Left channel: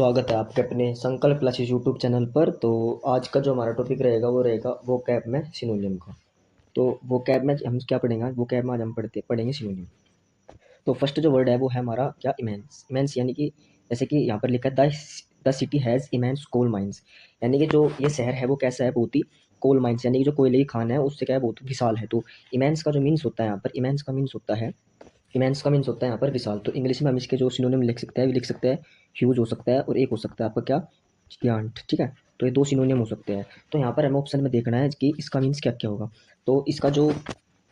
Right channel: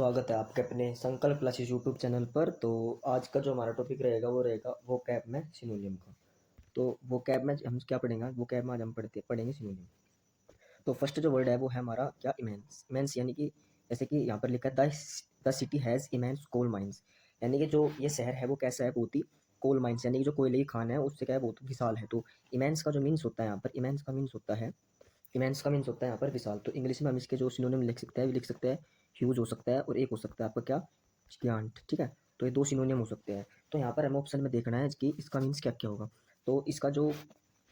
स्वागत है आपके अपने संकल्प क्लासेस यूट्यूब चैनल पर। तो आज का जो हमारा टॉपिक रहेगा वो रहेगा वोकैब में सिनोनिम का। तो वोकैब में हम क्या पढ़ेंगे? वोकैब में आज हम पढ़ेंगे सिनोनिम। तो फर्स्ट जो वर्ड है वो है हमारा क्या? इमेंस। इमेंस यानी कि जैसे कि यहाँ पर लिखा है the city has immense coal mines, यानी कि जो ये शहर है वो कैसा है? बहुत ही कोल माइंस, यानी कि जो कोयले की खान है उससे क्या है? बहुत विशाल है। तो इमेंस का जो मीन्स होता है यहाँ पर, इमेंस का मीन्स होता है यहाँ पर विशाल। तो इंग्लिश में हम इसके जो सिनोनिम लिख सकते हैं, लिख सकते हैं ह्यूज हो सकता है और एक हो सकता है आपका क्या? जियांट। ठीक है, तो ये दो सिनोनिम हो सकते हैं। तो यहाँ पर हमें ऑप्शन में देखना है कि इसका मीन्स क्या क्या होगा। तो इसका जो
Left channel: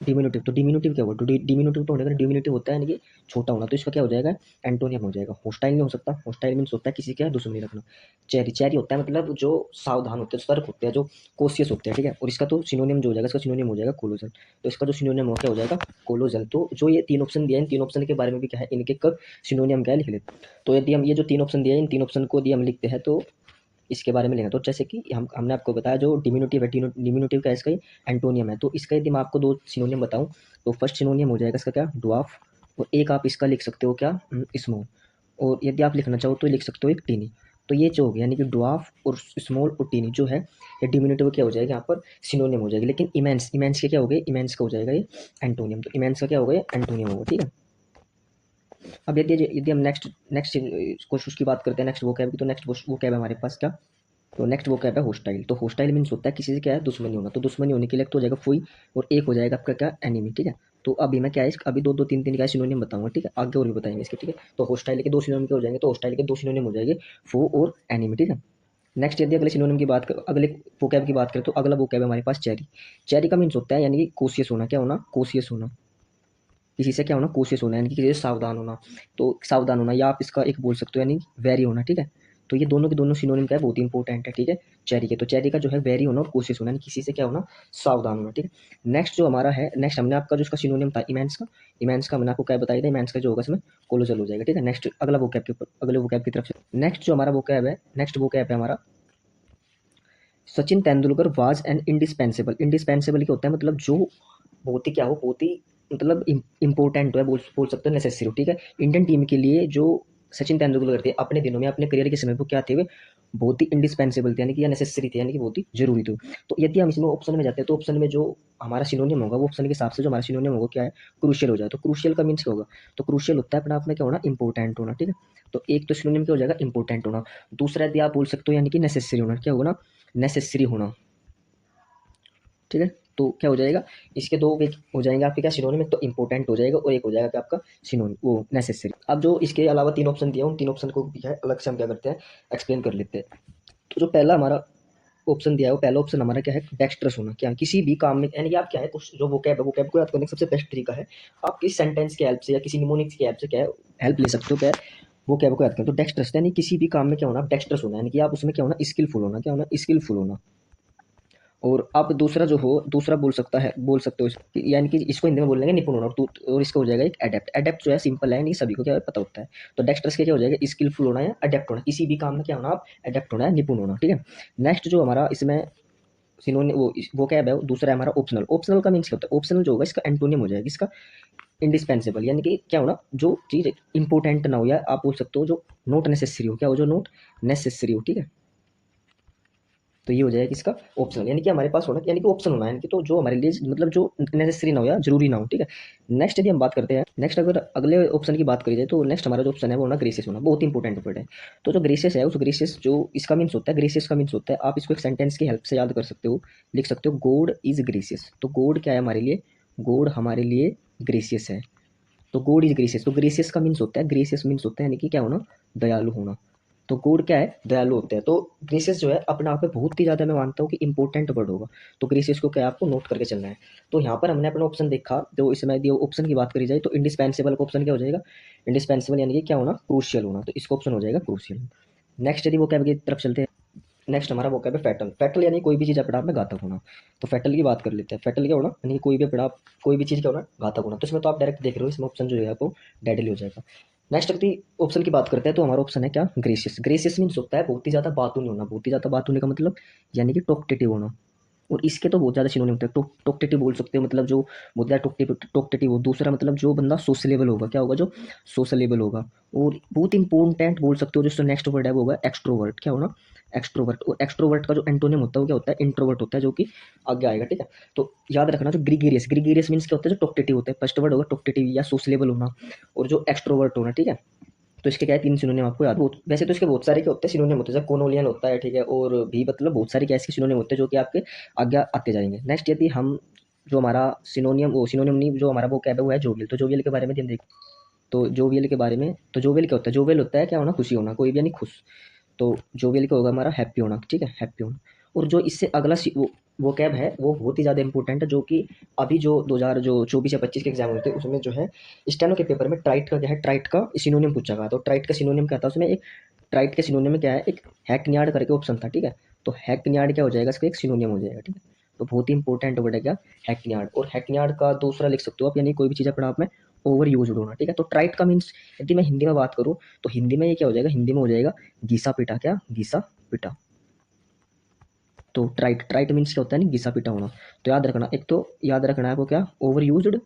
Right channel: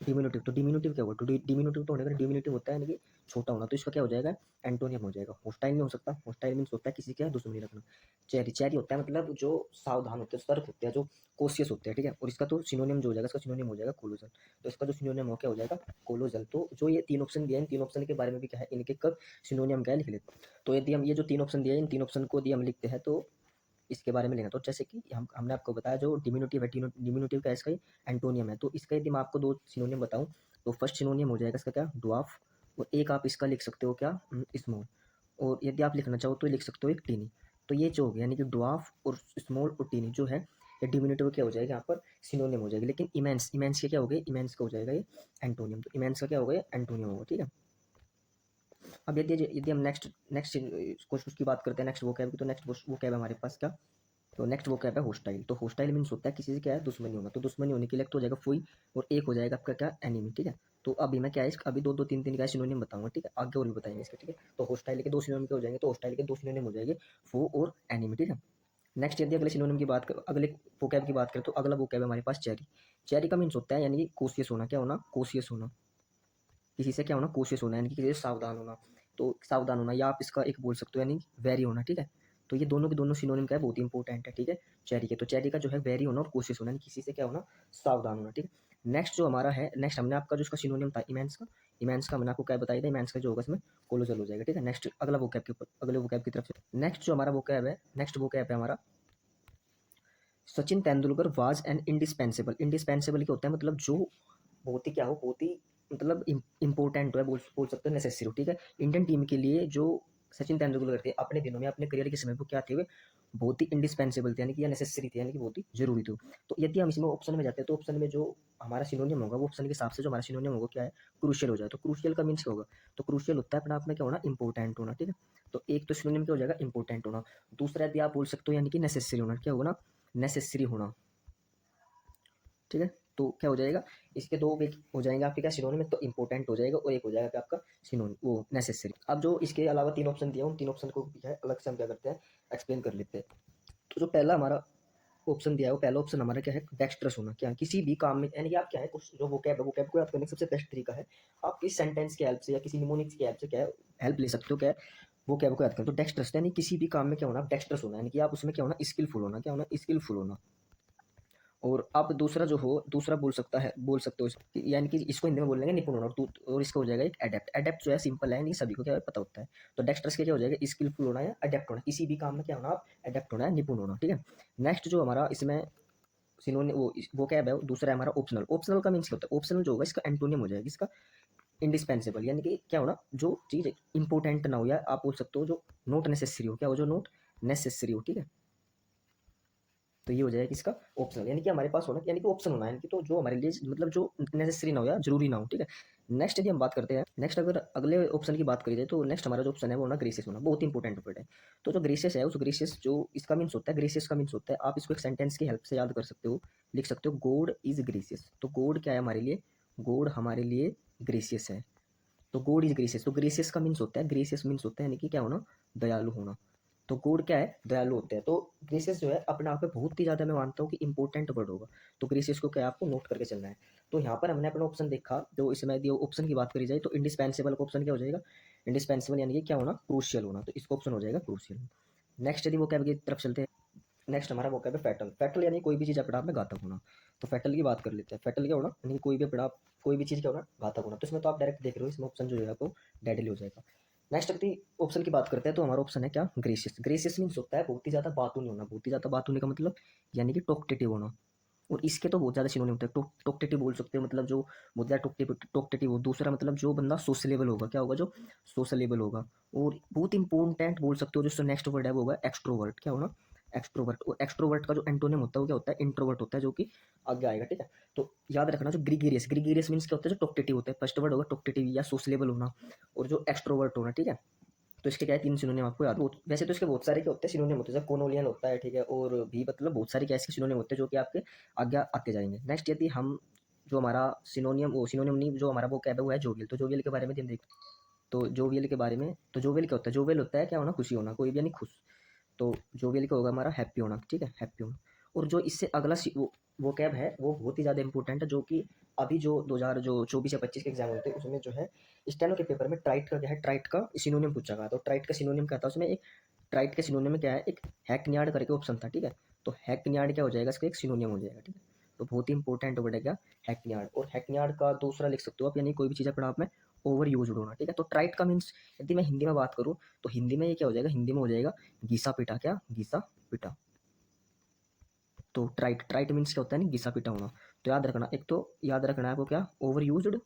डिमिनुटिव, तो डिमिनुटिव क्या होगा? तो डिमिनुटिव तो होने का डिमिनुटिव होता है यानी कि छोटा होना, तो इसका क्या हो जाएगा? एंटोनियम हो जाएगा। होस्टाइल नहीं हो सकता। होस्टाइल मीन्स होता है किसी का दुश्मनी रखना। चेरी, चेरी होता है मतलब जो सावधान होते हैं, सतर्क होते हैं, जो कोशियस होते हैं। ठीक है, और इसका तो सिनोनिम जो हो जाएगा, इसका सिनोनिम हो जाएगा कोलोजल। तो इसका जो सिनोनिम हो क्या हो जाएगा? कोलोजल। तो जो ये तीन ऑप्शन दिया है, इन तीन ऑप्शन के बारे में भी क्या है, इनके कब सिनोनियम क्या है लिख लेते हैं। तो यदि हम ये जो तीन ऑप्शन दिए हैं, इन तीन ऑप्शन को यदि हम लिखते हैं तो इसके बारे में लेंगे। तो जैसे कि हमने आपको बताया जो डिमिनुटिव है, डिमिनुटिव का इसका एंटोनियम है। तो इसका यदि मैं आपको दो सिनोनियम बताऊं तो फर्स्ट सिनोनियम हो जाएगा इसका क्या? ड्वार्फ। और एक आप इसका लिख सकते हो क्या? स्मॉल। और यदि आप लिखना चाहो तो लिख सकते हो एक टीनी। तो ये जो हो गया यानी कि ड्वार्फ और स्मॉल और टीनी जो है ये डिमिनुटिव क्या हो जाएगा? यहाँ पर सिनोनियम हो जाएगी। लेकिन इमेंस, इमेंस के क्या हो गए? इमेंस का हो जाएगा ये एंटोनियम। तो इमेंस का क्या हो गया? एंटोनियम होगा। ठीक है, अब यदि यदि हम नेक्स्ट नेक्स्ट क्वेश्चन की बात करते हैं, नेक्स्ट वो कैब की, तो नेक्स्ट वो कैब हमारे पास क्या? तो नेक्स्ट वो क्या है? होस्टाइल। तो होस्टाइल मीन्स होता है किसी से क्या है? दुश्मनी होना। तो दुश्मनी होने के लिए एक तो हो जाएगा फुई और एक हो जाएगा आपका क्या? एनिमी। ठीक है, तो अभी मैं क्या है अभी दो दो तीन तीन का सिनोनिम बताऊंगा। ठीक है, आगे और भी बताएंगे इसके। ठीक है, तो होस्टाइल के दो सिनोनिम के हो जाएंगे, तो होस्टाइल के दो सिनोनिम हो जाएंगे फो और एनिमी। ठीक है, नेक्स्ट यदि अगले सिनोनिम की बात कर, अगले वोकैब की बात करें तो अगला वोकैब है हमारे पास चेरी। चेरी का मीन्स होता है यानी कि कोशियस होना। क्या होना? कोशियस होना। किसी से क्या होना? कोशियस होना, यानी कि किसी से सावधान होना। तो सावधान होना, या आप इसका एक बोल सकते हो यानी वेरी होना। ठीक है, तो ये दोनों के दोनों सिनोनिम क्या है? बहुत ही इंपॉर्टेंट है। ठीक है, चेरी के, तो चेरी का जो है वेरी होना और कोशिश होना, यानी किसी से क्या होना? सावधान होना। ठीक है, नेक्स्ट जो हमारा है, नेक्स्ट हमने आपका जो इसका सिनोनिम था इमेंस का, इमेंस का हमने आपको क्या बताया था? इमेंस का जो होगा इसमें कोलोजल हो जाएगा। ठीक है, नेक्स्ट अगला वोकैब के ऊपर, अगले वोकैब की तरफ से नेक्स्ट जो हमारा वोकैब है, नेक्स्ट वोकैब है हमारा Sachin Tendulkar was an indispensable. Indispensable क्या होता है? मतलब जो बहुत ही क्या हो, बहुत ही मतलब इम्पोर्टेंट है, बोल सकते हो नेसेसरी हो। ठीक है, इंडियन टीम के लिए जो सचिन तेंदुलकर थे अपने दिनों में, अपने करियर के समय पर क्या थे? वे बहुत ही इंडिस्पेंसेबल थे, यानी कि या नेसेसरी थे, यानी कि बहुत ही जरूरी थे। तो यदि हम इसमें ऑप्शन में जाते हैं तो ऑप्शन में जो हमारा सिनोनियम होगा वो ऑप्शन के हिसाब से जो हमारा सिनोनियम होगा क्या है? क्रूशियल हो जाए। तो क्रूशियल का मीन्स क्या होगा? तो क्रूशियल होता है अपने आप में क्या होना? इंपॉर्टेंट होना। ठीक है, तो एक तो सिनोनिम क्या हो जाएगा? इंपॉर्टेंट होना। दूसरा यदि आप बोल सकते हो यानी कि नेसेसरी होना। क्या होगा ना? नेसेसरी होना। ठीक है, तो क्या हो जाएगा? इसके दो वे हो जाएंगे आपके क्या? सिनोनिम। एक तो इंपॉर्टेंट हो जाएगा और एक हो जाएगा क्या आपका? सिनोनिम वो नेसेसरी। अब जो इसके अलावा तीन ऑप्शन दिए उन तीन ऑप्शन को भी है अलग से हम क्या करते हैं? एक्सप्लेन कर लेते हैं। तो जो पहला हमारा ऑप्शन दिया है वो पहला ऑप्शन हमारा क्या है? डेक्स्ट्रस होना। क्या है? किसी भी काम में, यानी कि आप क्या है कुछ जो वोकैब है, वोकैब को याद करने का सबसे बेस्ट तरीका है आप किसी सेंटेंस की हेल्प से या किसी निमोनिक्स की हेल्प से क्या है हेल्प ले सकते हो। क्या है? वोकैब को याद करें तो डेक्स्ट्रस, यानी किसी भी काम में क्या होना? डेक्स्ट्रस होना, यानी कि आप उसमें क्या होना? स्किलफुल होना। क्या होना? स्किलफुल होना। और अब दूसरा जो हो, दूसरा बोल सकते हो यानी कि इसको हिंदी में बोल लेंगे निपुण होना। और इसका हो जाएगा एक एडेप्ट। एडेप्ट जो है सिंपल है, नहीं सभी को क्या है पता होता है। तो डेक्स्ट्रस के क्या हो जाएगा? स्किलफुल होना या अडेप्ट होना। किसी भी काम में क्या होना? आप अडेप्ट होना है, निपुण होना। ठीक है, नेक्स्ट जो हमारा इसमें सिनोनिम वो क्या है? दूसरा है हमारा ऑप्शनल। ऑप्शनल का मीन्स क्या होता है? ऑप्शनल जो होगा इसका एंटोनियम हो जाएगा इसका इंडिस्पेंसेबल, यानी कि क्या होना? जो चीज़ इंपॉर्टेंट ना हो, या आप बोल सकते हो जो नॉट नेसेसरी हो। क्या हो? जो नॉट नेसेसरी हो। ठीक है, तो ये हो जाएगा किसका? ऑप्शनल, यानी कि हमारे पास होना, यानी कि ऑप्शन होना है, यानी कि तो जो हमारे लिए मतलब जो नेसेसरी ना हो या जरूरी ना हो। ठीक है, नेक्स्ट यदि हम बात करते हैं, नेक्स्ट अगर अगले ऑप्शन की बात करी जाए तो नेक्स्ट हमारा जो ऑप्शन है वो होना ग्रेसियस होना। बहुत इंपॉर्टेंट वर्ड है। तो जो ग्रेसियस है, उस ग्रेसियस जो इसका मीन्स होता है, ग्रेसियस का मीन्स होता है, आप इसको एक सेंटेंस की हेल्प से याद कर सकते हो, लिख सकते हो गॉड इज ग्रेसियस। तो गॉड क्या है हमारे लिए? गॉड हमारे लिए ग्रेसियस है। तो गॉड इज ग्रेसियस, तो ग्रेसियस का मीन्स होता है, ग्रेसियस मीन्स होता है यानी कि क्या होना? दयालु होना। तो गॉड क्या है? दयालु होते हैं। तो ग्रेसियस जो है अपने आप में बहुत ही ज़्यादा मैं मानता हूँ कि इंपॉर्टेंट वर्ड होगा। तो ग्रेसियस को क्या है? आपको नोट करके चलना है। तो यहाँ पर हमने अपना ऑप्शन देखा, तो इसमें यदि ऑप्शन की बात करी जाए तो इंडिस्पेंसेबल का ऑप्शन क्या हो जाएगा? इंडिस्पेंसेबल यानी कि क्या होना? क्रूशियल होना। तो इसका ऑप्शन हो जाएगा क्रूशियल। नेक्स्ट यदि वो कैब की तरफ चलते हैं, नेक्स्ट हमारा वो क्या है? फैटल। फैटल यानी कोई भी चीज़ अपने आप में घातक होना। तो फैटल की बात कर लेते हैं। फैटल क्या होना? यानी कोई भी अपना कोई भी चीज़ क्या होना? घातक होना। तो इसमें तो आप डायरेक्ट देख रहे हो, इसमें ऑप्शन जो है आपको डेडली हो जाएगा। नेक्स्ट यदि ऑप्शन की बात करते हैं तो हमारा ऑप्शन है क्या? ग्रेसियस। ग्रेसियस मीन्स होता है बहुत ही ज़्यादा बातूनी होना। बहुत ही ज़्यादा बात होने का मतलब यानी कि टॉक्टेटिव होना। और इसके तो बहुत ज़्यादा सिनोनिम होते हैं। टॉकटेटिव बोल सकते हो, मतलब जो बहुत ज़्यादा टॉकटेटिव हो। दूसरा मतलब जो बंदा सोशलेबल होगा, क्या होगा, जो सोशलेबल होगा। और बहुत इंपॉर्टेंट बोल सकते हो जो नेक्स्ट वर्ड है वो होगा एक्सट्रोवर्ट। क्या होना, एक्सट्रोवर्ट। और एक्सट्रोवर्ट का जो एंटोनिम होता है वो क्या होता है, इंट्रोवर्ट होता है, जो कि आगे आएगा, ठीक है। तो याद रखना, जो ग्रीगेरियस, ग्रीगेरियस मीन्स क्या होता है, जो टॉकटेटिव होता है। फर्स्ट वर्ड होगा टॉकटेटिव या सोशलेबल होना, और जो एक्सट्रोवर्ट होना, ठीक है। तो इसके क्या है, 3 सिनोनिम आपको याद। बहुत वैसे तो इसके बहुत सारे क्या होते हैं, सिनोनिम होते हैं, जैसे कोनोलियन होता है, ठीक है, और भी मतलब बहुत सारे क्या इसके सिनोनिम होते हैं जो कि आपके आगे आते जाएंगे। नेक्स्ट यदि हम जो हमारा सिनोनियम, वो सिनोनियम नहीं, जो हमारा वो क्या है वो है जोवियल। तो जोवियल के बारे में हम देख, तो जोवियल के बारे में, तो जोवियल क्या होता है, जोवियल होता है क्या होना, खुशी होना, कोई भी यानी खुश। तो जोवियल का होगा हमारा हैप्पी होना, ठीक है, हैप्पी होना। और जो इससे अगला वो कैब है वो बहुत ही ज़्यादा इंपॉर्टेंट है, जो कि अभी जो 2000 जो 24 या 25 के एग्जाम होते हैं उसमें जो है स्टेनो के पेपर में ट्राइट का क्या है, ट्राइट का सिनोनियम पूछा गया। तो ट्राइट का सिनोनियम क्या था, उसमें एक ट्राइट के सिनोनियम में क्या है, एक हैकनियाड करके ऑप्शन था, ठीक है। तो हैकनियाड क्या हो जाएगा, इसका एक सिनोनियम हो जाएगा, ठीक है। तो बहुत ही इंपॉर्टेंट वर्ड है क्या, हैकनियाड। और हैकनियाड का दूसरा लिख सकते हो आप, यानी कोई भी चीज़ अपना आप में ओवर यूज होना, ठीक है। तो ट्राइट का मीन्स यदि मैं हिंदी में बात करूँ तो हिंदी में ये क्या हो जाएगा, हिंदी में हो जाएगा घिसा पिटा। क्या, घिसा पिटा। तो ट्राइट, ट्राइट मीन्स क्या होता है, नहीं, घिसा पिटा होना। तो याद रखना, एक तो याद रखना है आपको क्या, ओवर यूज्ड,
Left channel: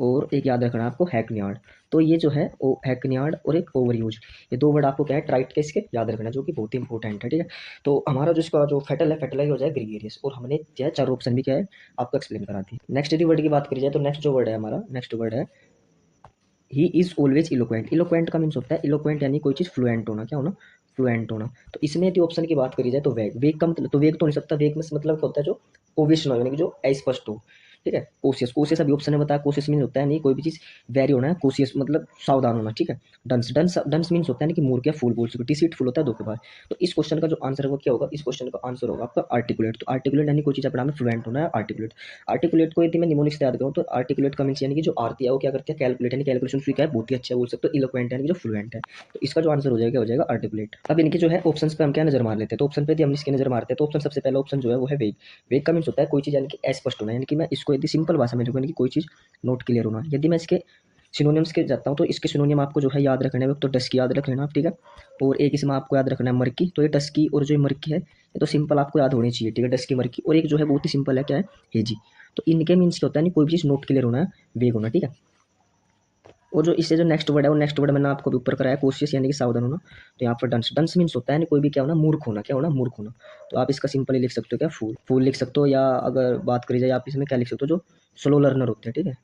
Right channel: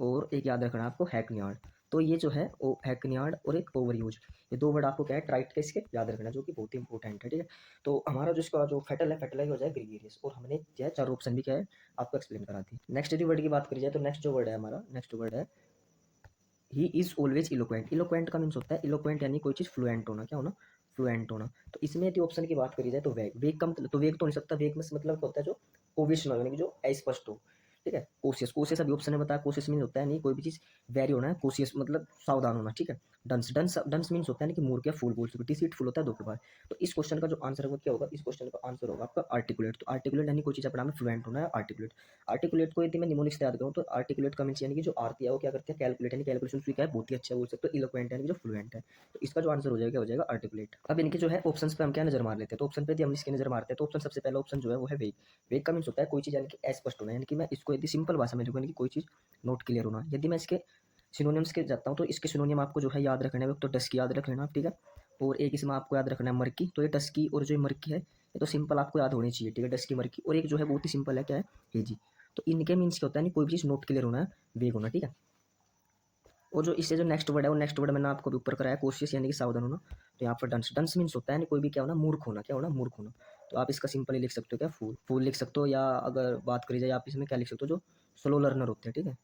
और एक याद रखना है आपको हैकनियाड। तो ये जो है वो हैकनियाड और एक ओवर यूज, ये दो वर्ड आपको क्या है ट्राइट के इसके याद रखना है, जो कि बहुत ही इंपॉर्टेंट है, ठीक है। तो हमारा जो इसका जो फेटल है, फेटल हो जाए ग्रीगेरियस। और हमने क्या है, चार ऑप्शन भी क्या है आपको एक्सप्लेन करा दी। नेक्स्ट यदि वर्ड की बात करी जाए तो नेक्स्ट जो वर्ड है हमारा, नेक्स्ट वर्ड है he is always eloquent. Eloquent का मीन्स होता है, इलोक्वेंट यानी कोई चीज़ फ्लुएंट होना। क्या होना, फ्लुएंट होना। तो इसमें यदि ऑप्शन की बात करी जाए तो वेग, वेग का मतलब, तो वेग तो नहीं सकता, वेग में मतलब क्या होता है, जो ओवियस ना हो, यानी कि जो अस्पष्ट हो, ठीक है। कोशियस, कोशियस अभी ऑप्शन ने बताया, कोशियस मीन होता है नहीं कोई भी चीज़ वेरी होना है, कोशियस मतलब सावधान होना, ठीक है। डंस, डंस, डंस मीन्स होता है ना कि मूर्ख या फूल बोल सकते, डिसीटफुल होता है धोखेबाज। तो इस क्वेश्चन का जो आंसर होगा क्या होगा, इस क्वेश्चन का आंसर होगा आपका आर्टिकुलेट। तो आर्टिकुलेट यानी कोई चीज़ अपना में फ्लुएंट होना है, आर्टिकुलेट। आर्टिकुलेट को यदि मैं निमोनिक्स से याद करूँ तो आर्टिकुलेट का मीन्स यानी कि जो आरती है वो क्या करती है, कैलकुलेट, यानी कैलकुलेशन उसकी क्या है, बहुत ही अच्छा बोल सकते हो। इलोक्वेंट यानी कि जो फ्लुएंट है। तो इसका जो आंसर हो जाएगा, हो जाएगा आर्टिकुलेट। अब इनके जो है ऑप्शन पे हम क्या नजर मार लेते हैं। तो ऑप्शन पे यदि हम इसकी नजर मारते हैं तो ऑप्शन सबसे पहला ऑप्शन जो है वो है वेग। वेग का मीन्स होता है कोई चीज़ यानी कि अस्पष्ट होना, यानी कि मैं इसको यदि सिंपल भाषा में लिखूँ, यानी कि कोई चीज़ नोट क्लियर होना। यदि मैं इसके सिनोनिम्स के जाता हूँ तो इसके सिनोनिम आपको जो है याद रखना है, तो डस्की याद रख लेना आप, ठीक है। और एक इसमें आपको याद रखना है मर्की। तो ये डस्की और जो मर्की है ये तो सिंपल आपको याद होनी चाहिए, ठीक है, डस्की मर्की। और एक जो है बहुत ही सिंपल है, क्या है, हेजी। तो इनके मीन्स क्या होता है, नहीं कोई भी चीज़ नोट क्लियर होना है, वेग होना, ठीक है। और जो इससे जो नेक्स्ट वर्ड है वो नेक्स्ट वर्ड मैंने आपको भी ऊपर कराया, कोशिश यानी कि सावधान होना। तो यहाँ पर डंस, डंस मीन्स होता है नहीं कोई भी क्या होना, मूर्ख होना। क्या होना, मूर्ख होना। तो आप इसका सिंपली लिख सकते हो क्या, फूल, फूल लिख सकते हो। या अगर बात करी जाए आप इसमें क्या लिख सकते हो, जो स्लो लर्नर होते हैं, ठीक है,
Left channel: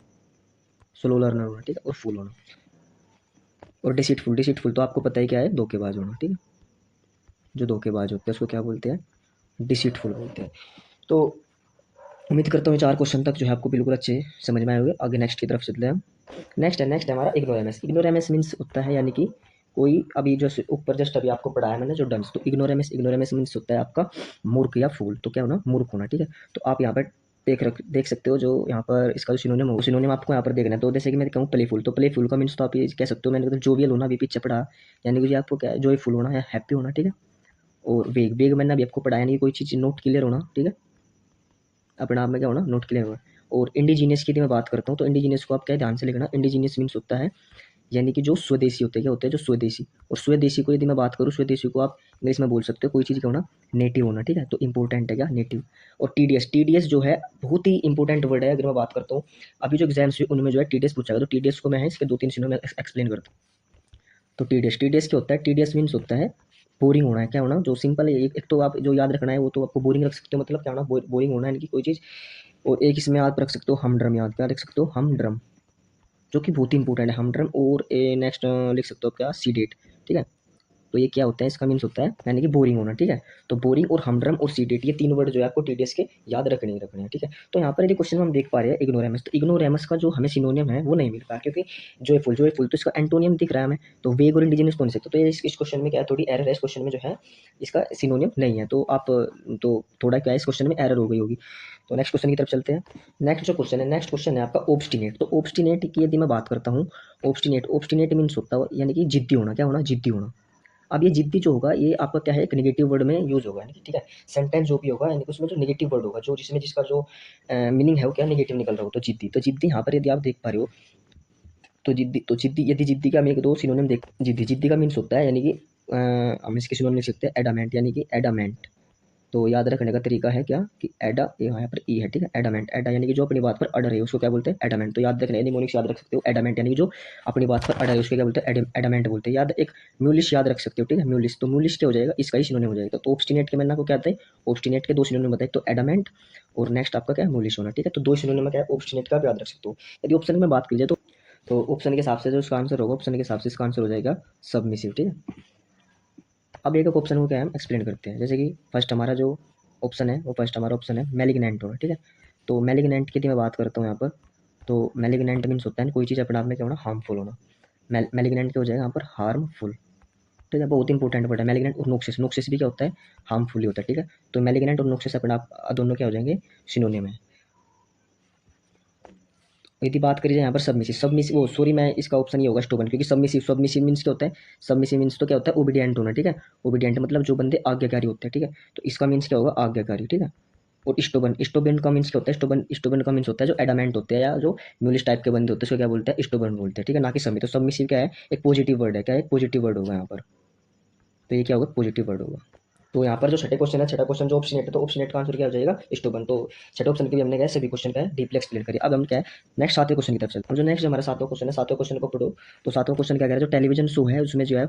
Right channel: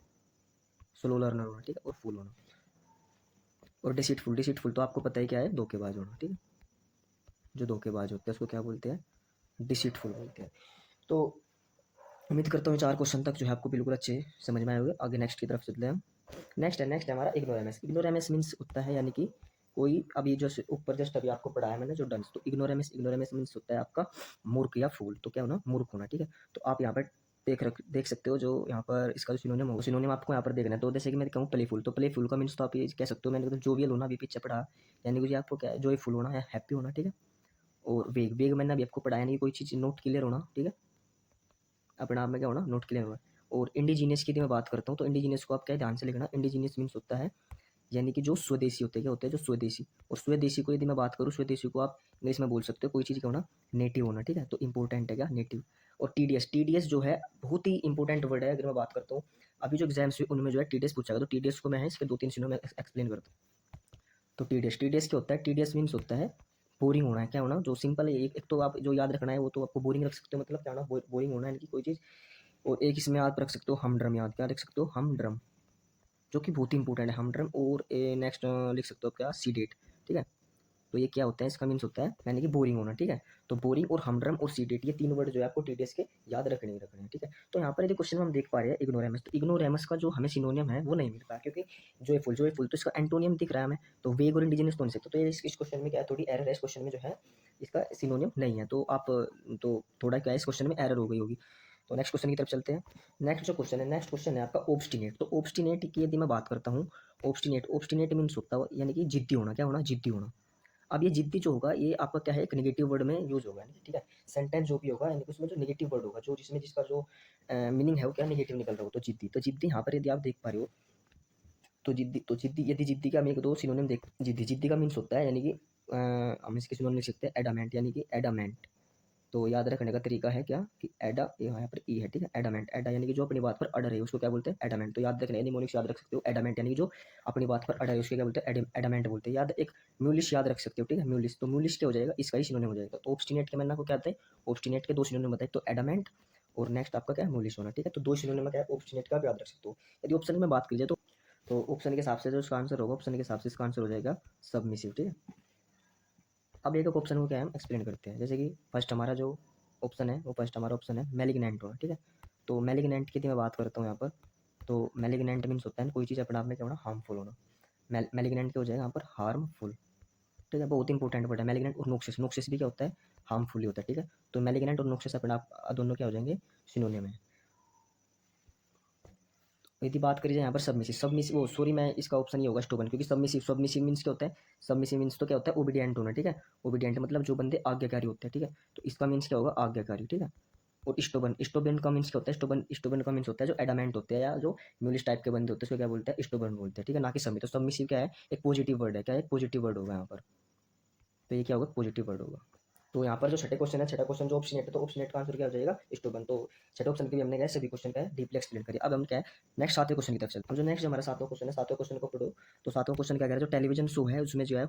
स्लो लर्नर होना, ठीक है, और फूल होना। और डिसीटफुल, डिसीटफुल तो आपको पता ही क्या है, धोखेबाज होना, ठीक है। जो धोखेबाज होते हैं उसको क्या बोलते हैं, डिसीटफुल बोलते हैं। तो उम्मीद करता हूँ 4 क्वेश्चन तक जो है आपको बिल्कुल अच्छे समझ में आए होंगे। आगे नेक्स्ट की तरफ चलते हैं हम। नेक्स्ट है हमारा इग्नोरेमस। इग्नोरेमस मीन्स होता है यानी कि कोई अभी जो ऊपर जस्ट अभी आपको पढ़ाया मैंने जो डंस। तो इग्नोरेमस, इग्नोरेमस मीन्स होता है आपका मूर्ख या फूल। तो क्या होना, मूर्ख होना, ठीक है। तो आप यहाँ पर देख सकते हो जो यहाँ पर इसका जो सिनोनिम हो, सिनोनिम आपको यहाँ पर देखना है। तो जैसे कि मैं कहूँ प्लेफुल, तो प्लेफुल का मीन्स तो आप ये कह सकते हो, मैंने कहा जोवियल होना, अभी पीछे पढ़ा, यानी कि आपको क्या है, जॉयफुल होना या हैप्पी होना, ठीक है। और वेग, वेग मैंने अभी आपको पढ़ाया नहीं, कोई चीज़ नोट क्लियर होना, ठीक है, अपने आप में क्या होना, नोट क्लियर होना। और इंडिजीनियस की यदि मैं बात करता हूँ तो इंडिजीनियस को आप क्या ध्यान से लिखना, इंडिजीनियस मीन्स होता है यानी कि जो स्वदेशी होते हैं, क्या होते हैं, जो स्वदेशी। और स्वदेशी को यदि मैं बात करूँ, स्वदेशी को आप इंग्लिश में बोल सकते हो कोई चीज़ क्या होना, नेटिव होना, ठीक है। तो इंपॉर्टेंट है क्या, नेटिव। और टीडीएस, टीडीएस जो है बहुत ही इंपॉर्टेंट वर्ड है। अगर मैं बात करता हूँ अभी जो एग्जाम्स हुए उनमें जो है टीडीएस पूछा गया, तो टीडीएस को मैं इसके 2-3 सीनों में एक्सप्लेन करता हूँ। तो टीडीएस, टीडीएस क्या होता है, टीडीएस मीन्स होता है बोरिंग होना है। क्या होना, जो सिंपल है, एक तो आप जो याद रखना है वो तो आपको बोरिंग रख सकते हो, मतलब क्या होना, बोरिंग होना है, यानी कि कोई चीज़। और एक इसमें याद रख सकते हो हमड्रम, याद क्या रख सकते हो, हमड्रम, जो कि बहुत ही इंपॉर्टेंट है हमड्रम। और नेक्स्ट लिख सकते हो क्या, सीडेट, ठीक है। तो ये क्या होता है, इसका मीन्स होता है यानी कि बोरिंग होना, ठीक है। तो बोरिंग और हमड्रम और सीडेट, ये 3 वर्ड जो है आपको टीडीएस के याद रखने ही रखने हैं, ठीक है। तो यहाँ पर यदि क्वेश्चन में हम देख पा रहे हैं इग्नोरेमस, तो इग्नोरेमस का जो हमें सिनोनियम है वो नहीं मिल पाया, क्योंकि जोयफुल, जोयफुल तो इसका एंटोनियम दिख रहा है हमें। तो वेग और इंडिजिनस तो नहीं सकते। तो ये इस क्वेश्चन में क्या है, थोड़ी एरर है इस क्वेश्चन में जो है, इसका सिनोनियम नहीं है। तो आप, तो थोड़ा क्या है इस क्वेश्चन में एरर हो गई होगी। तो नेक्स्ट क्वेश्चन की तरफ चलते हैं। नेक्स्ट जो क्वेश्चन है, नेक्स्ट क्वेश्चन है आपका ऑब्स्टिनेट। तो ऑब्स्टिनेट की यदि मैं बात करता हूँ, ऑब्स्टिनेट, ऑब्स्टिनेट मीन्स होता है यानी कि जिद्दी होना। क्या होना, जिद्दी होना। अब ये जिद्दी जो होगा ये आपका क्या है, एक नेगेटिव वर्ड में यूज होगा, यानी कि ठीक है, सेंटेंस जो भी होगा यानी कि उसमें जो नेगेटिव वर्ड होगा, जो जिसमें जिसका जो मीनिंग है वो क्या नेगेटिव निकल रहा हो, तो जिद्दी। तो जिद्दी यहाँ पर यदि आप देख पा रहे हो, तो जिद्दी, तो जिद्दी, यदि जिद्दी का हम 1-2 सिनोनिम देख, जिद्दी, जिद्दी का मीन्स होता है यानी कि हम इसके सिनोनिम लिख सकते हैं एडामेंट, यानी कि एडामेंट, तो याद रखने का तरीका है क्या कि एडा, यहाँ पर ई है, ठीक है, एडामेंट, एडा यानी कि जो अपनी बात पर अड़र है उसको क्या बोलते हैं, एडामेंट। तो याद रखना, निमोनिक्स याद रख सकते हो, एडामेंट यानी कि जो अपनी बात पर अड़र है उसको क्या बोलते हैं, एडामेंट बोलते हैं। याद, एक म्यूलिश याद रख सकते हो, ठीक है, म्यूलिश, तो म्यूलिश क्या हो जाएगा, इसका ही सिनोनिम हो जाएगा। तो ऑब्स्टिनेट के मैंने आपको क्या आता है, ऑब्स्टिनेट के दो सिनोनिम बताए, तो एडामेंट और नेक्स्ट आपका क्या है, म्यूलिश होना, ठीक है। तो दो सिनोनिम में क्या है, ऑब्स्टिनेट का आप याद रख सकते हो। यदि ऑप्शन में बात की जाए तो ऑप्शन के हिसाब से जो इसका आंसर होगा, ऑप्शन के हिसाब से इसका आंसर हो जाएगा सबमिसिव, ठीक है। अब एक ऑप्शन को क्या है हम एक्सप्लेन करते हैं। जैसे कि फर्स्ट हमारा जो ऑप्शन है, वो फर्स्ट हमारा ऑप्शन है मैलिग्नेंट होना, ठीक है। तो मैलिग्नेंट की मैं बात करता हूँ यहाँ पर। तो मैलिग्नेंट मीन्स होता है कोई चीज़ अपने आप में क्या होना, हार्मफुल होना। मैलिग्नेंट क्या हो जाएगा यहाँ पर, हार्मफुल, ठीक है। बहुत इंपॉर्टेंट वर्ड है मैलिग्नेंट। और नोक्सिस, नोक्सिस भी क्या होता है, हार्मफुल ही होता है, ठीक है। तो मैलिग्नेंट और नोक्सिस अपने आप दोनों क्या हो जाएंगे, सिनोनिम है। यदि बात करी जाए यहाँ पर सबमिसिव, सबमिसिव वो सॉरी मैं इसका ऑप्शन ही होगा स्टोबन, क्योंकि सबमिसिव, सबमिसिव मीन्स क्या होता है, सबमिसिव मीन्स तो क्या होता है, ओबीडियंट होना, ठीक है। ओबीडियंट मतलब जो बंदे आज्ञाकारी होते हैं, ठीक है। तो इसका मीन्स क्या होगा, आज्ञाकारी, ठीक है। और स्टोबन, स्टोबन का मीन्स क्या होता है, स्टोबन, स्टोबन का मीन्स होता है जो एडामेंट होते हैं या जो म्यूलिश टाइप के बंदे होते हैं उसको क्या बोलते हैं, स्टोबन बोलते हैं, ठीक है, ना कि सबमिसिव। तो सबमिसिव क्या है, एक पॉजिटिव वर्ड है, क्या है, एक पॉजिटिव वर्ड होगा यहाँ पर। तो ये क्या होगा, पॉजिटिव वर्ड होगा। तो यहाँ पर जो छठे क्वेश्चन है, छठा क्वेश्चन जो ऑप्शनेट है, तो ऑप्शनेट का आंसर क्या हो जाएगा, स्टोबन। तो छठे ऑप्शन के भी हमने क्या है, सभी क्वेश्चन का है डीपली एक्सप्लेन करिए। अब हम क्या है, नेक्स्ट सातवें क्वेश्चन की तरफ चलते हैं। अब जो नेक्स्ट हमारा सातवां क्वेश्चन है, सातवें क्वेश्चन को पढ़ो। तो सातवां क्वेश्चन क्या कह रहा है, जो टेलीविजन शो है उसमें जो है,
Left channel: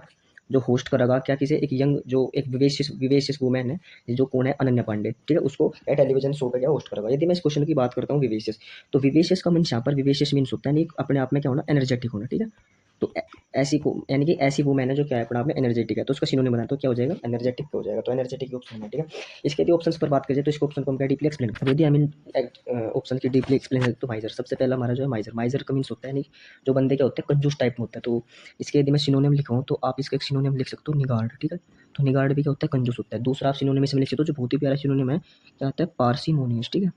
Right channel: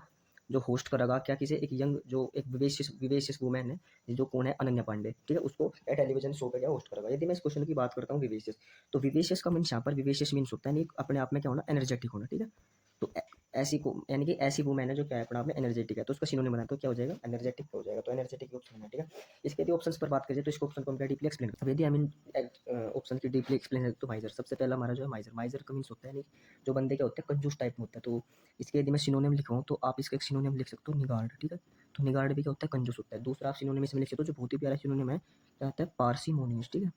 जो होस्ट करेगा क्या, किसी एक यंग, जो एक विवेशियस विवेशियस वुमेन है, जो कौन है, अनन्या पांडे, ठीक है, उसको क्या टेलीविजन शो पे क्या होस्ट करेगा। यदि मैं इस क्वेश्चन की बात करता हूँ विवेशियस, तो विवेशियस का मीन्स यहाँ पर, विवेशियस मीन्स होता है नहीं अपने आप में क्या होना, एनर्जेटिक होना, ठीक है। तो ऐसी को यानी कि ऐसी वुमेन है जो क्या है अपने आप में एनर्जेटिक है, तो उसका सिनोनिम बनाए तो क्या हो जाएगा, एनर्जेटिक हो जाएगा। तो एनर्जेटिक ऑप्शन है, ठीक है। इसके यदि ऑप्शंस पर बात करें तो इसको ऑप्शन को हम क्या डीपली एक्सप्लेन करें। यदि आई मीन ऑप्शन की डीपली एक्सप्लेन करें तो माइजर, सबसे पहला हमारा जो है माइजर, माइजर का मीन्स होता है नहीं, जो बंदे क्या होते हैं, कंजूस टाइप में होता है। तो इसके यदि मैं सिनोनिम लिखाऊँ तो आप इसका एक सिनोनिम लिख सकते हो, निगार्ड, ठीक है। तो निगार्ड भी क्या होता है, कंजूस होता है। दूसरा आप सिनोनिम इसमें लिख सकते हो जो बहुत ही प्यारा सिनोनिम है, क्या होता है, पार्सिमोनियस, ठीक है।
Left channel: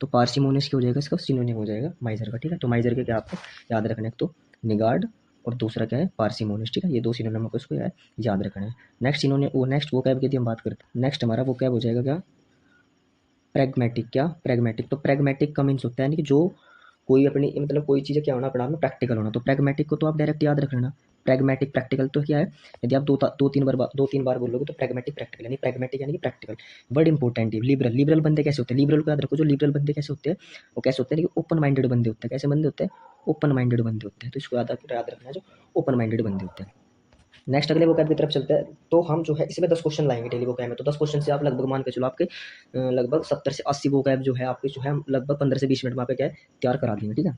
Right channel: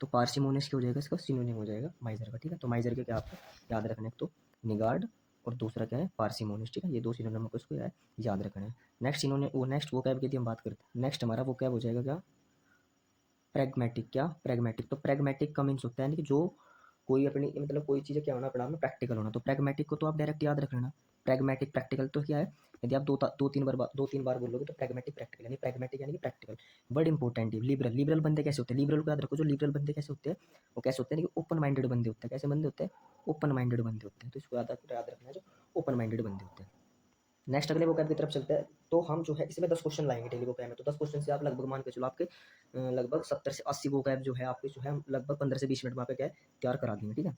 तो पार्सिमोनियस क्या हो जाएगा, इसका सिनोनिम हो जाएगा माइजर का, ठीक है। तो माइजर के क्या आपको याद रखना है, तो निगार्ड और दूसरा क्या है, पार्सिमोनियस, ठीक है। ये दो सिनोनिम को इसको याद रखना है। नेक्स्ट सिनोनिम, वो नेक्स्ट वो कैब की यदि हम बात करते हैं, नेक्स्ट हमारा वो कैब हो जाएगा क्या, प्रैग्मेटिक, क्या प्रैग्मेटिक। तो प्रैग्मेटिक का मीन्स होता है ना कि जो कोई अपनी मतलब कोई चीज़ें क्या होना अपने आप में प्रैक्टिकल होना। तो प्रैग्मेटिक को तो आप डायरेक्ट याद रख लेना, प्रैग्मेटिक प्रैक्टिकल तो क्या है, यदि आप दो तीन बार बोलोगे तो प्रैग्मेटिक प्रैक्टिकल, यानी प्रैग्मेटिक यानी कि प्रैक्टिकल। वर्ड इंपॉर्टेंट है। लिबरल, लिबरल बंदे कैसे होते हैं, लिबरल को याद रखो। जो लिबरल बंदे कैसे होते हैं, वो कैसे होते हैं कि ओपन माइंडेड बंदे होते हैं। कैसे बंदे होते हैं, ओपन माइंडेड बंदे होते हैं। तो इसको याद रखना है, जो ओपन माइंडेड बंदे होते हैं। नेक्स्ट अगले वोकैब की तरफ चलते हैं। तो हम जो है इसमें 10 क्वेश्चन लाएंगे डेली वोकैब में। तो 10 क्वेश्चन से आप लगभग मान के चलो आपके लगभग 70 से 80 वोकैब जो है आपके, जो है हम लगभग 15 से 20 मिनट में आपके क्या है तैयार करा देंगे, ठीक है।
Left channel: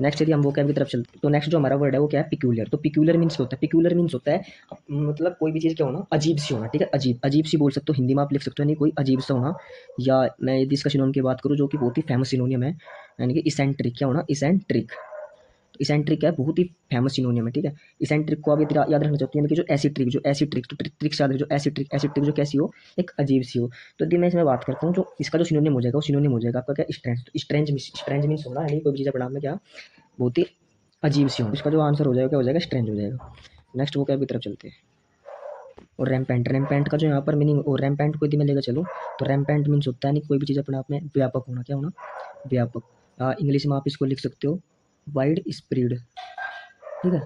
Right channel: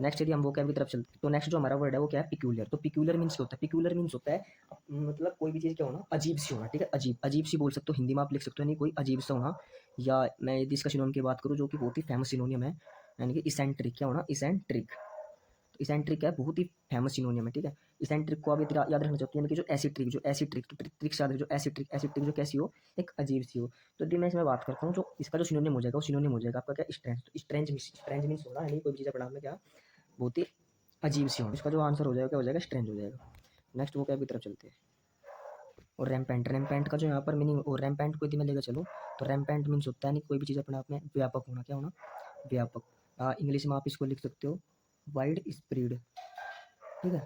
नेक्स्ट यदि हम वोकैब की तरफ चलते हैं तो नेक्स्ट जो हमारा वर्ड है वो क्या है, पिक्यूलियर। तो पिक्यूलियर मीन्स क्या होता है, पिक्यूलियर मीन्स होता है मतलब कोई भी चीज़ क्या होना, अजीब सी होना, ठीक है। अजीब, अजीब सी बोल सकते हो, हिंदी में आप लिख सकते हो, नहीं कोई अजीब सा होना। या मैं यदि इसका सिनोनिम की बात करूँ जो कि बहुत ही फेमस सिनोनियम है, यानी कि इसेंट्रिक, क्या होना, इसेंट्रिक। इसेंट्रिक क्या है, बहुत ही फेमस सिनोनियम है, ठीक है। इसेंट्रिक को आप याद रखना चाहते हैं कि जो ऐसी ट्रिक, जो ऐसी ट्रिक, तो ट्रिक्स याद रखो, जो ऐसी ट्रिक, ऐसी ट्रिक जो कैसी हो, एक अजीब सी हो। तो यदि मैं इसमें बात करता हूँ, जो इसका जो सिनोनिम हो जाएगा वो सिनोनिम हो जाएगा आपका क्या, स्ट्रेंज। तो स्ट्रेंज, स्ट्रेंज मीन्स होना, यानी कोई भी चीज़ अपने आप में क्या बहुत ही अजीब सी हो। इसका जो आंसर हो जाएगा क्या हो जाएगा, स्ट्रेंज हो जाएगा। नेक्स्ट वो क्या की तरफ चलते हैं। और रैम्पेंट, रैम्पेंट का जो यहाँ पर मीनिंग, और रैम्पेंट को यदि मैं लेकर चलूँ तो रैम्पेंट मीन्स होता है नहीं कोई भी चीज़ अपने आप में व्यापक होना, क्या होना, व्यापक। इंग्लिश में आप इसको लिख सकते हो वाइड स्प्रेड, ठीक है।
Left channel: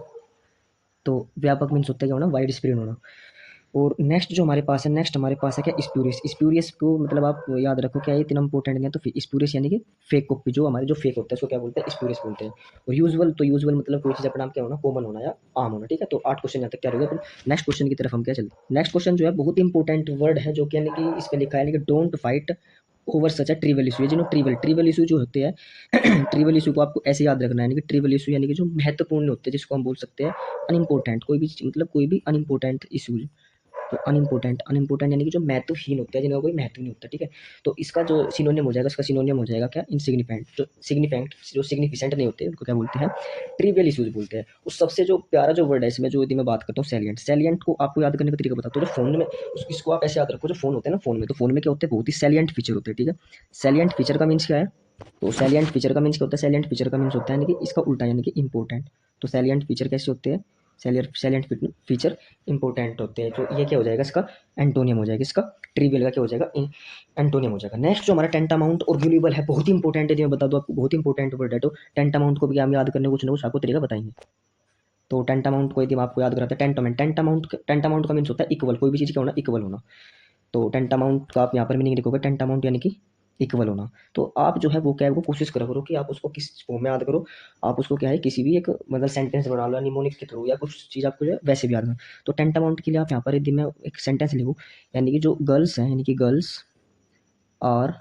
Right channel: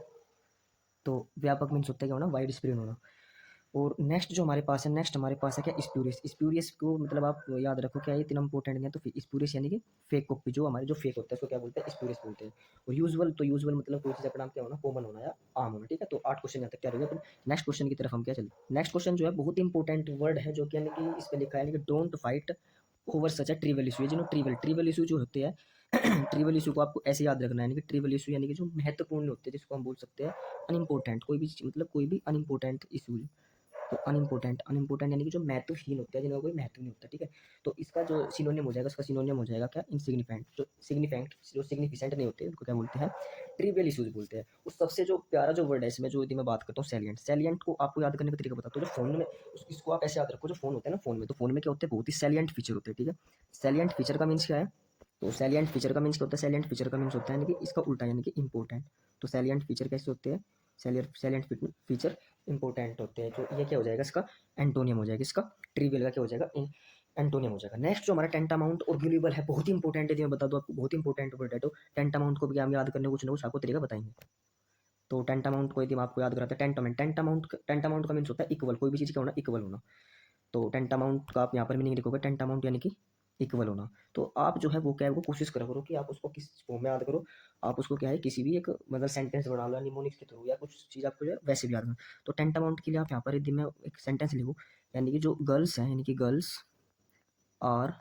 तो व्यापक मीन्स होता है क्या होना, वाइड स्प्रेड होना। और नेक्स्ट जो हमारे पास है, नेक्स्ट हमारे पास है क्या, स्प्यूरियस। स्प्यूरियस को मतलब आप याद रखो क्या, ये इतना इंपॉर्टेंट नहीं है। तो स्प्यूरियस यानी कि फेक कॉपी, जो हमारे जो फेक होता है उसको क्या बोलते हैं, स्प्यूरियस बोलते हैं। और यूजुअल, तो यूजुअल मतलब कोई चीज़ अपना नाम क्या होना, कॉमन होना या आम होना, ठीक है। तो 8 क्वेश्चन यहाँ तक क्या हो गया। फिर नेक्स्ट क्वेश्चन की तरफ हम क्या चलते हैं। नेक्स्ट क्वेश्चन जो है बहुत इंपॉर्टेंट वर्ड है, जो कि यानी कि इस पे लिखा है, यानी कि डोंट फाइट ओवर सच है ट्रिवियल इशू। ये जो ट्रिवियल इशू जो होते हैं ट्रिवियल इशू को आपको ऐसे याद रखना है, यानी कि ट्रिवियल इशू यानी कि जो महत्वपूर्ण होते हैं, जिसको हम बोल सकते हैं अनइम्पोर्टेंट। कोई भी मतलब कोई भी अनइम्पोर्टेंट इशू, तो अनइम्पोर्टेंट, अनइम्पोर्टेंट यानी कि जो महत्वहीन होते हैं, जिनका कोई महत्व नहीं होता, ठीक है। तो इसका जो सिनोनियम हो जाएगा, उसका सिनोनियम हो जाएगा क्या, इनसिग्निफिकेंट। जो सिग्निफिकेंट, जो सिग्निफिकेंट नहीं होते उनको क्या बोलते हैं, ट्रिवियल इशूज बोलते हैं। उस सबसे जो प्यारा जो वर्ड है इसमें, जो यदि मैं बात करता हूँ सैलिएंट, सैलिएंट को आपको याद करने का तरीका बताता हूँ। जो फोन में इसको आप ऐसे याद रखो, जो फोन होते हैं ना, फोन में, तो फोन में क्या होते हैं, बहुत ही सैलिएंट फीचर होते हैं, ठीक है। सैलिएंट फीचर का मीन्स क्या है, तो सैलिएंट फीचर का मीन्स क्या होता है, सैलिएंट फीचर का मीन्स होता है यानी कि इसका उल्टा, यानी कि इंपॉर्टेंट। तो सैलिएंट फीचर कैसे होते हैं, सैलिएंट फीचर इंपॉर्टेंट होते हैं। तो ये क्या हो जाएगा, इसका एंटोनियम हो जाएगा, इसका ट्रिवियल का क्या हो जाएगा, एंटोनियम हो जाएगा। नेक्स्ट जो हमारा टेंटामाउंट और वैल्यूएबल है, बहुत ही इंपॉर्टेंट है, मैं बता दूं आपको, बहुत इंपॉर्टेंट वर्ड है। तो टेंटामाउंट को भी हम याद करने कुछ ना कुछ आपको तरीका बताएंगे। तो टेंटामाउंट को यदि हम आपको याद कराते हैं, टेंटामाउंट, टेंटामाउंट का मीन्स होता है इक्वल, कोई भी चीज़ क्या होना, इक्वल होना। तो टेंटामाउंट का आप यहाँ पर मीनिंग लिखोगे टेंटामाउंट यानी कि इक्वल होना। तो आप जो है वो क्या है वो कोशिश करा करो कि आप उसको किस फॉर्म में याद करो। आप उसको क्या है किसी भी एक मतलब सेंटेंस बना लो निमोनिक्स के थ्रू या कुछ चीज़ आपको जो है वैसे भी याद करो। तो टेंटामाउंट के लिए आप यहाँ पर यदि मैं एक सेंटेंस लिखूँ यानी कि जो गर्ल्स हैं यानी कि girls are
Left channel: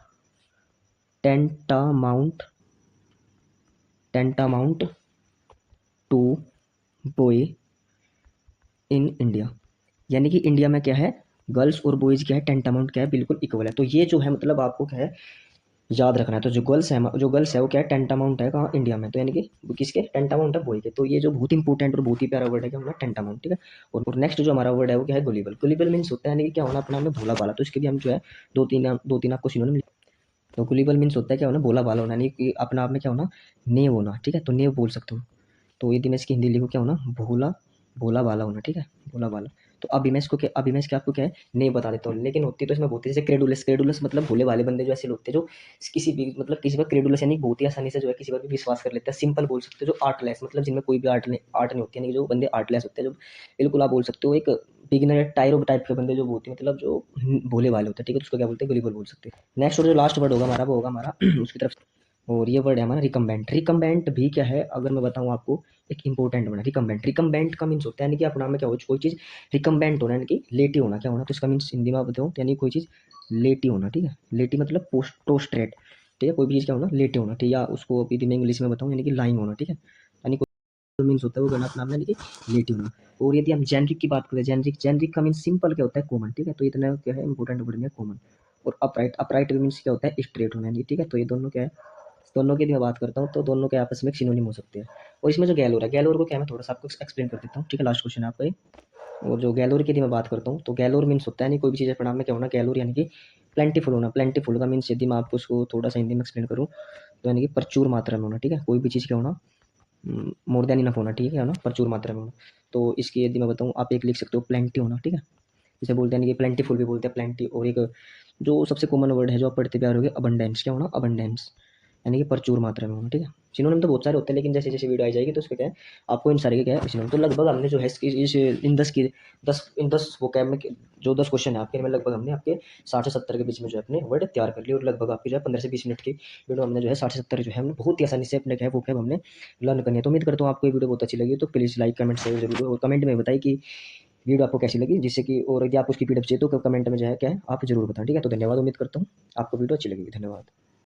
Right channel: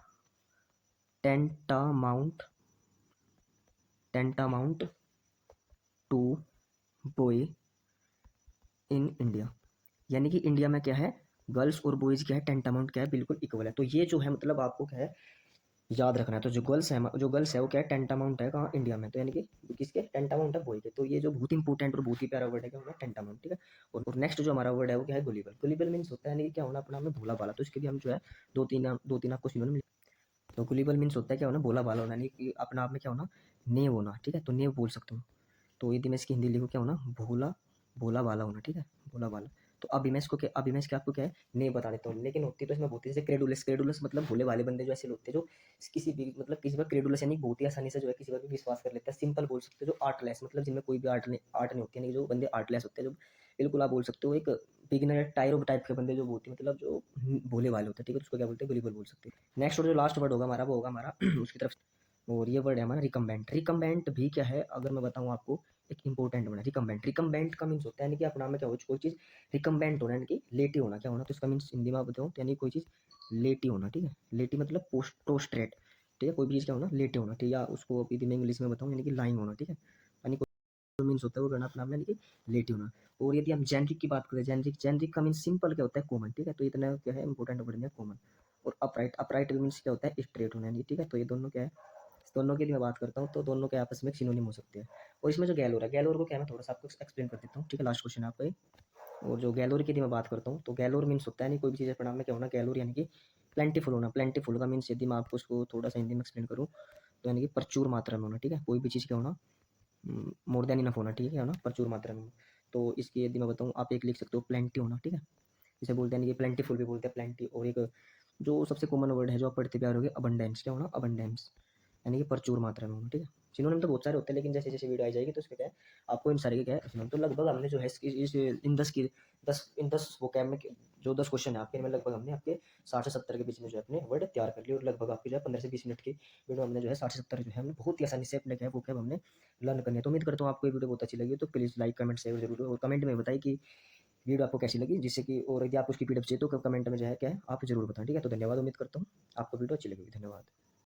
tantamount tantamount to boy in India. यानी कि इंडिया में क्या है गर्ल्स और बॉयज़ क्या है टेंटामाउंट क्या है बिल्कुल इक्वल है। तो ये जो है मतलब आपको क्या है याद रखना है। तो जो गर्ल्स है वो क्या है टेंटामाउंट है कहाँ इंडिया में। तो यानी कि वो किसके टेंटामाउंट है बॉय के। तो ये जो बहुत इंपॉर्टेंट और बहुत ही प्यारा वर्ड है क्या होना टेंटामाउंट ठीक है। और नेक्स्ट जो हमारा वर्ड है वो क्या है गुलिबल। गुलिबल मीन्स होता है यानी कि क्या होना अपना में भोला भाला। तो इसके भी हम जो है दो तीन आपको सिनोनिम। तो गुलिबल मीन्स होता है क्या होना भोला भाला होना यानी कि अपना आप में क्या होना नेव होना ठीक है। तो नेव बोल सकते हो। तो यदि मैं इसकी हिंदी लिखूँ क्या होना भोला भोला भाला होना ठीक है भोला भाला। तो अभी मैं इसके आपको क्या है नहीं बता देता हूँ। लेकिन होती तो इसमें बहुत ही जैसे क्रेडुलस क्रेडुलस मतलब भोले भाले बंदे जो ऐसे लोग होते हैं जो किसी भी मतलब किसी पर क्रेडुलस यानी बहुत ही आसानी से जो है किसी पर भी विश्वास कर लेते हैं। सिंपल बोल सकते हो जो आर्टलेस मतलब जिनमें कोई भी आर्ट नहीं होती यानी कि जो बंदे आर्टलेस होते हैं जो बिल्कुल आप बोल सकते हो एक बिगिनर टाइप के बंदे जो होते हैं मतलब जो भोले भाले होते हैं ठीक है। तो उसको क्या बोलते हैं गुलिबल बोल सकते हैं। नेक्स्ट और जो लास्ट वर्ड होगा हमारा वो होगा हमारा उसकी तरफ। और ये वर्ड है हमारा रिकम्बेंट। रिकम्बेंट भी क्या है अगर मैं बताऊँ आपको एक इंपॉर्टेंट वर्ड है रिकम्बेंट। रिकम्बेंट का मीन्स होता है यानी कि अपना में क्या हो कोई चीज़ रिकम्बेंट होना यानी कि लेटी होना क्या होना। तो इसका मीन्स हिंदी में आप बताओ यानी कोई चीज़ लेटी होना ठीक है। लेटी मतलब प्रोस्ट्रेट ठीक है। कोई भी चीज़ क्या होना लेटी होना ठीक है। या उसको यदि मैं इंग्लिश में बताऊँ यानी कि लाइंग होना ठीक है। यानी कोई मीन्स होता है वो गलत नाम यानी कि लेटी होना। और यदि हम जेनरिक की बात करें जेनरिक जेनरिक का मीन्स सिंपल क्या होता है कॉमन ठीक है। तो इतना क्या है इंपॉर्टेंट वर्ड में कॉमन। और अपराइट अपराइट मीन्स क्या होता है स्ट्रेट होना यानी ठीक है। तो ये दोनों क्या है दोनों की यदि मैं बात करता हूँ तो दोनों के आपस में सिनोनिम हो सकते हैं। और इसमें जो गैलोर है गैलोर को क्या है मैं थोड़ा सा आपको एक्सप्लेन कर देता हूँ ठीक है। लास्ट क्वेश्चन है आपका ये। और जो गैलोर की यदि मैं बात करता हूँ तो गैलोर मीन्स होता है नहीं कोई भी चीज़ परिणाम में क्या होना गैलोर यानी कि प्लेंटीफुल होना। प्लेंटीफुल का मीन्स यदि मैं आपको उसको थोड़ा सा हिंदी में एक्सप्लेन करूँ तो यानी कि प्रचुर मात्रा में होना ठीक है। कोई भी चीज़ क्या होना मोर देन इनफ होना ठीक है ना प्रचुर मात्रा में होना। तो इसकी यदि मैं बताऊँ आप एक लिख सकते हो प्लेंटी होना ठीक है। इसे बोलते हैं कि प्लेंटीफुल भी बोलते हैं प्लेंटी। और एक जो सबसे कॉमन वर्ड है जो आप पढ़ते प्यार हो गए अबंडेंस क्या होना अबंडेंस यानी कि प्रचुर मात्रा में होना ठीक है। सिनोनिम तो बहुत सारे होते हैं लेकिन जैसे जैसे वीडियो आई जाएगी तो उसके क्या है आपको इन सारे के क्या है सिनोनिम। तो लगभग हमने जो है इस इन दस वोकैब में जो 10 क्वेश्चन है आपके में लगभग हमने आपके 60 से 70 के बीच में जो है अपने वर्ड तैयार कर लिए। और लगभग आपके जो है 15 से 20 मिनट की वीडियो हमने जो है 60 से 70 जो है हमने बहुत ही आसानी से अपने क्या है वोकैब हमने लर्न करनी है। तो उम्मीद करता हूँ आपको ये वीडियो बहुत अच्छी लगी। तो प्लीज़ लाइक कमेंट शेयर जरूर और कमेंट में बताइए कि वीडियो आपको कैसी लगी जिससे कि और यदि आप उसकी पीडीएफ चाहिए तो कमेंट में जो है क्या है आप जरूर बताएं ठीक है। तो धन्यवाद उम्मीद करता हूँ आपको वीडियो अच्छी लगेगी। धन्यवाद।